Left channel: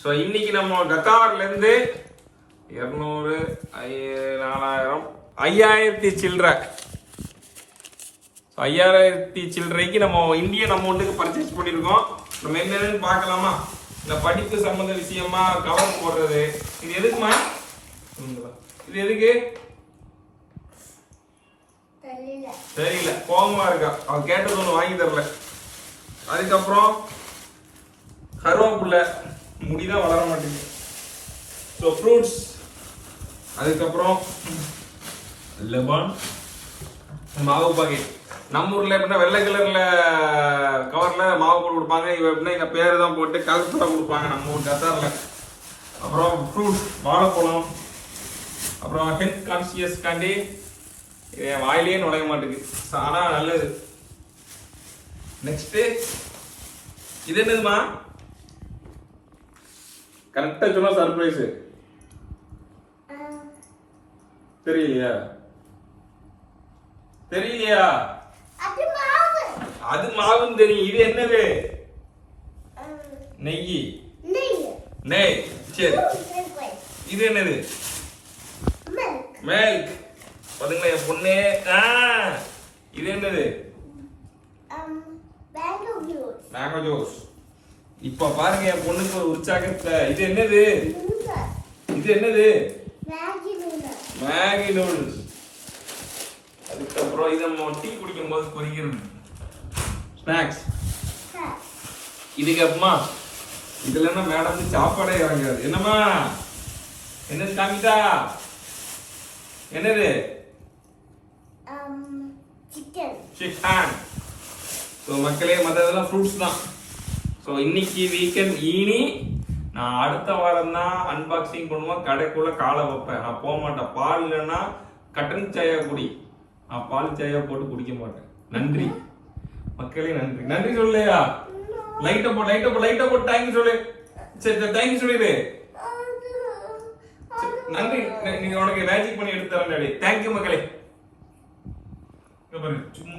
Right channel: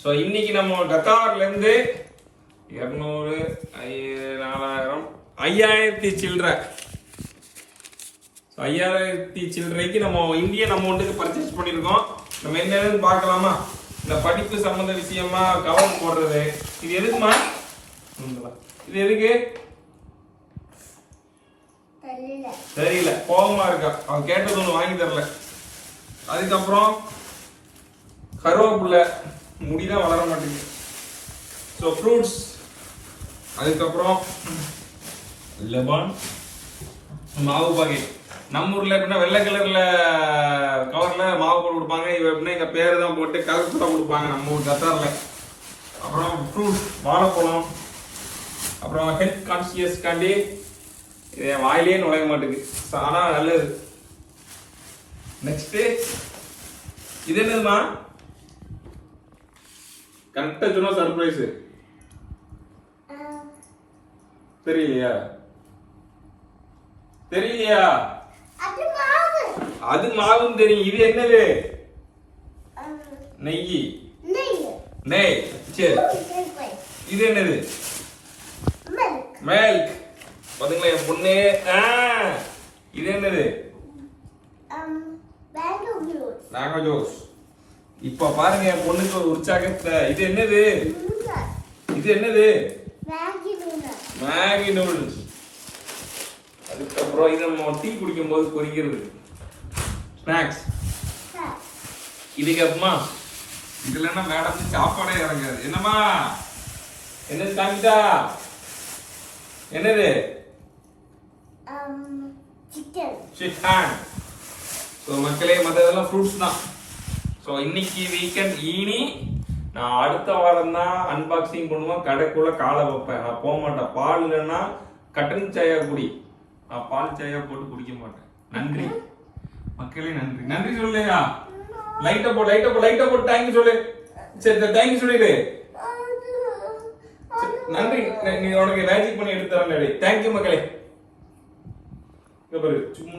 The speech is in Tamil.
ஸோ இன்னைக்கு நம்ம கத்தார்ல இருந்து 200 4000 5000 சில்லறை 5000 சில்லறைக்கு நம்ம இந்தியன் அமௌண்ட்டுக்கு பர்ச்சேஸ் பண்ணியிருக்கோம். நம்ம என்னன்னு பார்க்கலாமா? இந்த படிப்பு சம்பந்த விஷயமா கவர் போடுறது. இது எதுக்குமா? இது எதுக்கு தெரியல, கோபமா இருக்கா. அவ கேட்டது ஒண்ணு வாங்கி தரல. அதுக்கப்புறம் கருவேப்பிலை முடிதான் வளர மாட்டேங்குது. ஸோ ஃப்ரூட்ஸ், அதுக்கப்புறம் லெமன், மாவு பாக்கெட். நம்ம ஊர்ல எப்படின்னா வெள்ளை கலர்ல கவர்ல மாவு போட்டு கொடுப்பாங்க. இவ எப்படின்னா எங்க பேரு தான் போட்டு கலர் தான் கொடுப்பாங்க நம்ம ஊர் கத்தார்ல. அப்புறம் ஃப்ரூட்ஸ், வாழைப்பழம். அப்புறம் ஹெல்த் கான்சியஸ் காண்டி என் வாயிலேயே நுழைய மாட்டேங்குது. ஆனா நல்லது. நெக்ஸ்ட் இது என்னதுமா? கரெக்டா சொன்னா சர்ப்ரைஸ். தெரியலையா? தெரியலையா? அது மாவுன்னு தெரியும். இது என்னது? நெய். நெய். சரி, இது என்னது? மில்க். பாத்தீங்களா என் பொண்ணு? இது என்னது? Mango juice. இப்ப பாருங்க என் பொண்ணுக்கு ஒரு உற்சாகத்தை. இது என்னது? இது என்னது? Maggi noodles. அதுக்கப்புறம் இதை நம்ம டீ குடிக்கும் போது குறிக்கிறது ஸ்நாக்ஸ். இதுக்கு அப்புறமா இதுல என்ன மேடம் சாப்பாடே இறங்காது. என்னம்மா? என்ன காமிட்டா? என்னது? சிக்கன். ஸோ மக்களே, மற்றதெல்லாம் ஃப்ரூட்ஸ் தான். ஸோ இன்னைக்கு வீக்கெண்ட். இனி நான் அடுத்த வாரம் தான் அன்பாக்சிங் பண்ணுவேன். கடைக்குள்ள காலை வைப்பேன். நான் போக மாட்டேன். பால் இல்லைன்னா கட்டன் சாயா குடி. நான் பால் சாயா போட்டு குடிக்க மாட்டேன். நன்றி மக்களே, நன்றி. நன்றி சொல்லையா? லைட்டை போட்டு தேங்க்யூ சொல்லு. சரி, தேங்க்யூ சொல்லிடு. நன்றி. நீ உனக்கு மேஜிக் பண்ணி எடுத்து தரேன். தேங்க்யூ மக்களே. சும்மா